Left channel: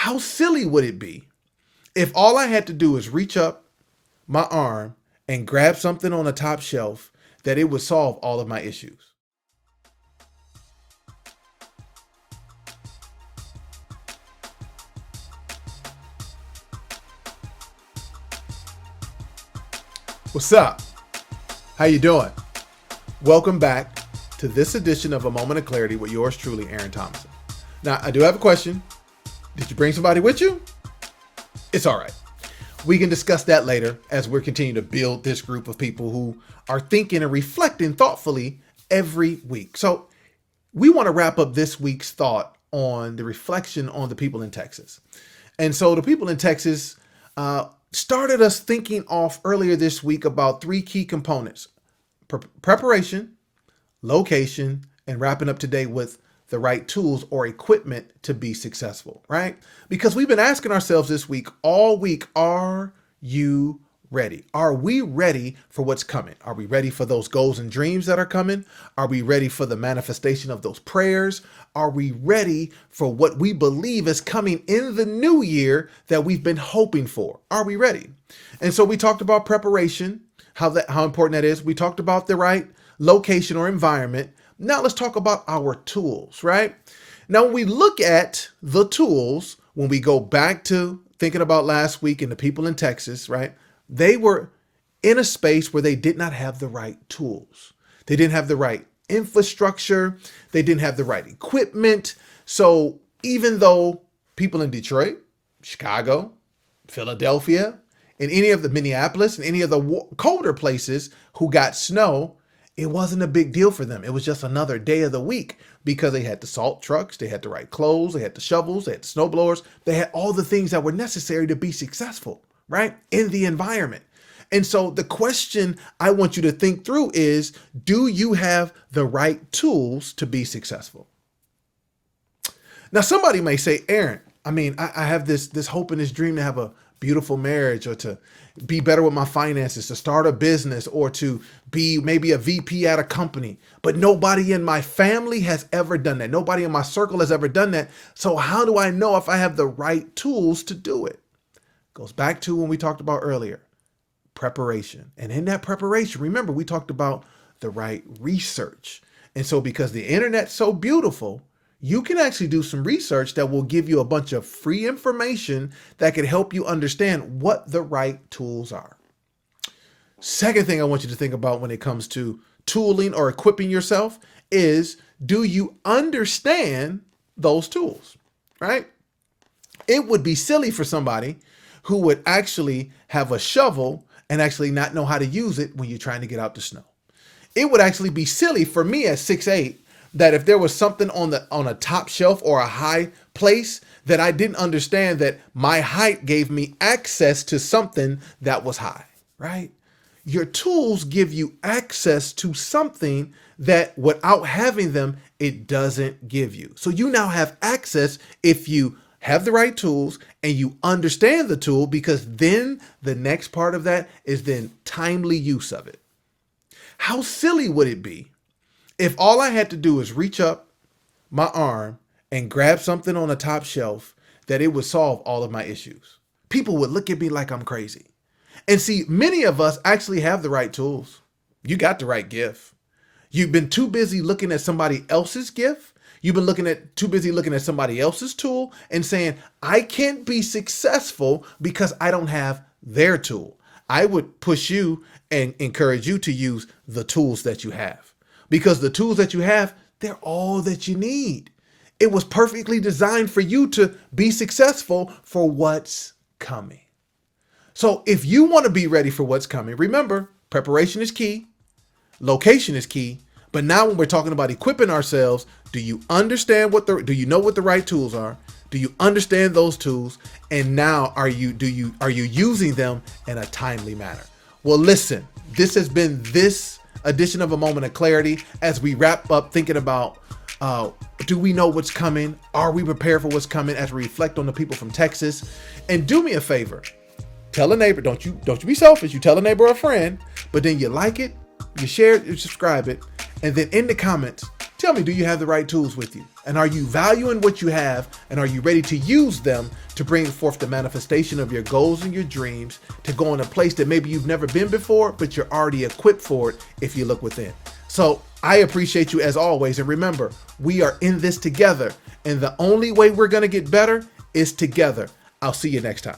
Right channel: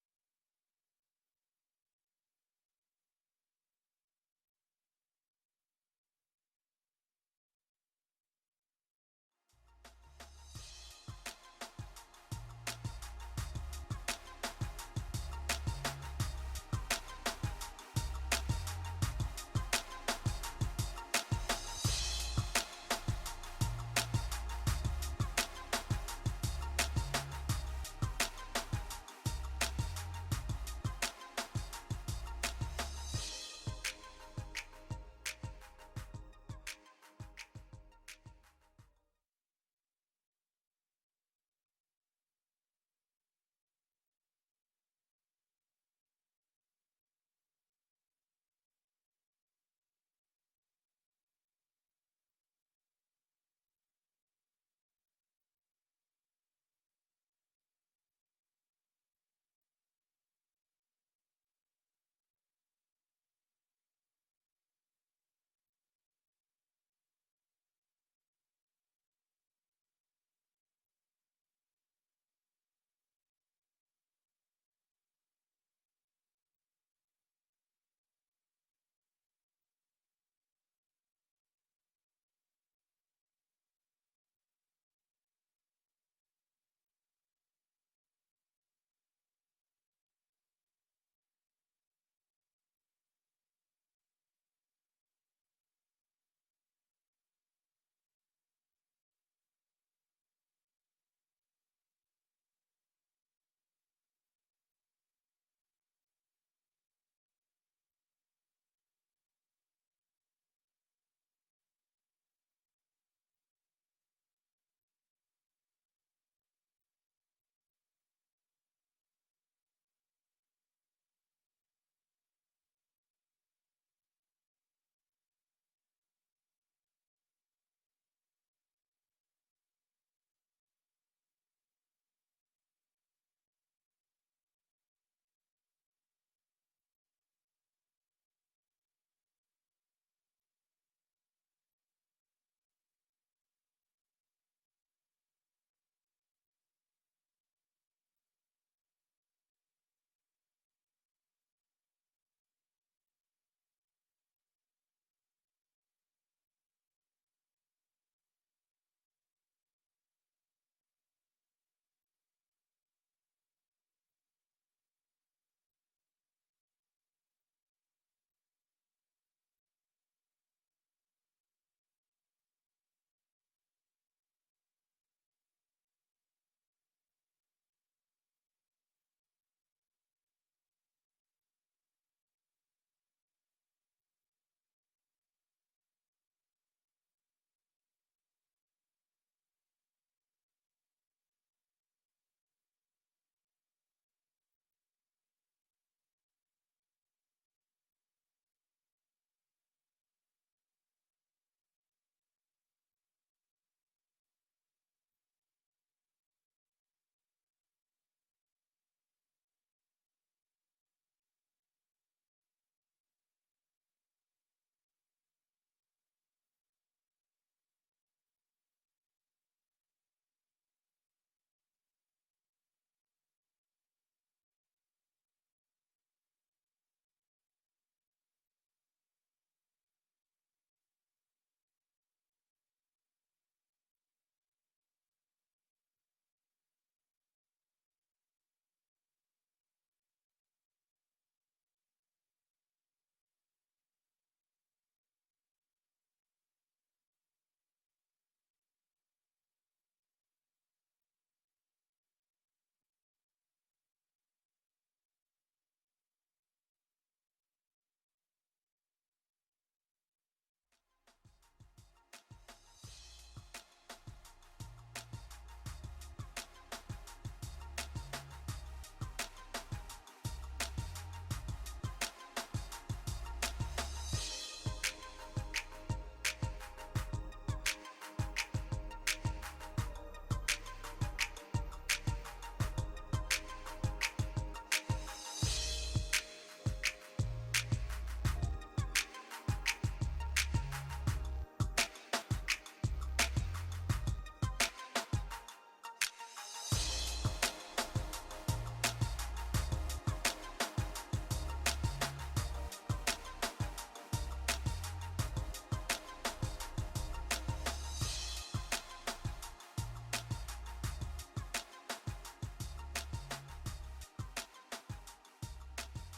How silly would it be if all I had to do is reach up my arm and grab something on the top shelf that it would solve all of my issues? What's up? How you doing? Welcome back to this edition of A Moment of Clarity with yours truly, Aaron Thomas. Now, I do have a question. Did you bring somebody with you? It's all right. We can discuss that later as we're continuing to build this group of people who are thinking and reflecting thoughtfully every week. So we want to wrap up this week's thought on the reflection on the people in Texas. And so the people in Texas started us thinking off earlier this week about three key components: preparation, location, and wrapping up today with the right tools or equipment to be successful, right? Because we've been asking ourselves this week, all week, are you ready? Are we ready for what's coming? Are we ready for those goals and dreams that are coming? Are we ready for the manifestation of those prayers? Are we ready for what we believe is coming in the new year that we've been hoping for? Are we ready? And so we talked about preparation, how important that is. We talked about the right location or environment. Now let's talk about our tools, right? Now, when we look at the tools, when we go back to thinking about last week and the people in Texas, right? They were in a space where they did not have the right tools. They didn't have the right infrastructure. They didn't have the right equipment. So even though people in Detroit, Chicago, Philadelphia, and any of the Minneapolis and any of the colder places who got snow, it wasn't a big deal for them. It was just another day of the week because they had the salt trucks, they had the right clothes, they had the shovels, they had the snow blowers, they had all the things that were necessary to be successful, right? In the environment. And so the question I want you to think through is, do you have the right tools to be successful? Now, somebody may say, Aaron, I have this hope and this dream to have a beautiful marriage, or to be better with my finances, to start a business, or to be maybe a VP at a company. But nobody in my family has ever done that. Nobody in my circle has ever done that. So how do I know if I have the right tools to do it? Goes back to when we talked about earlier, preparation. And in that preparation, remember, we talked about the right research. And so because the internet's so beautiful, you can actually do some research that will give you a bunch of free information that can help you understand what the right tools are. Second thing I want you to think about when it comes to tooling or equipping yourself is, do you understand those tools, right? It would be silly for somebody who would actually have a shovel and actually not know how to use it when you're trying to get out the snow. It would actually be silly for me at 6'8", that if there was something on a top shelf or a high place that I didn't understand, that my height gave me access to something that was high, right? Your tools give you access to something that without having them, it doesn't give you. So you now have access if you have the right tools and you understand the tool, because then the next part of that is then timely use of it. How silly would it be if all I had to do is reach up my arm and grab something on the top shelf that it would solve all of my issues? People would look at me like I'm crazy. And see, many of us actually have the right tools. You got the right gift. You've been too busy looking at somebody else's gift. You've been too busy looking at somebody else's tool and saying, I can't be successful because I don't have their tool. I would push you and encourage you to use the tools that you have. Because the tools that you have, they're all that you need. It was perfectly designed for you to be successful for what's coming. So if you want to be ready for what's coming, remember, preparation is key, location is key. But now when we're talking about equipping ourselves, do you understand do you know what the right tools are? Do you understand those tools? And now are you using them in a timely manner? Well, listen, this has been this edition of A Moment of Clarity as we wrap up thinking about, do we know what's coming? Are we prepared for what's coming, as we reflect on the people from Texas? And do me a favor, tell a neighbor, don't you be selfish. You tell a neighbor or a friend, but then you like it, you share it, you subscribe it, and then in the comments, Tell me, do you have the right tools with you? And are you valuing what you have? And are you ready to use them to bring forth the manifestation of your goals and your dreams to go in a place that maybe you've never been before, but you're already equipped for it if you look within? So I appreciate you as always. And remember, we are in this together. And the only way we're going to get better is together. I'll see you next time.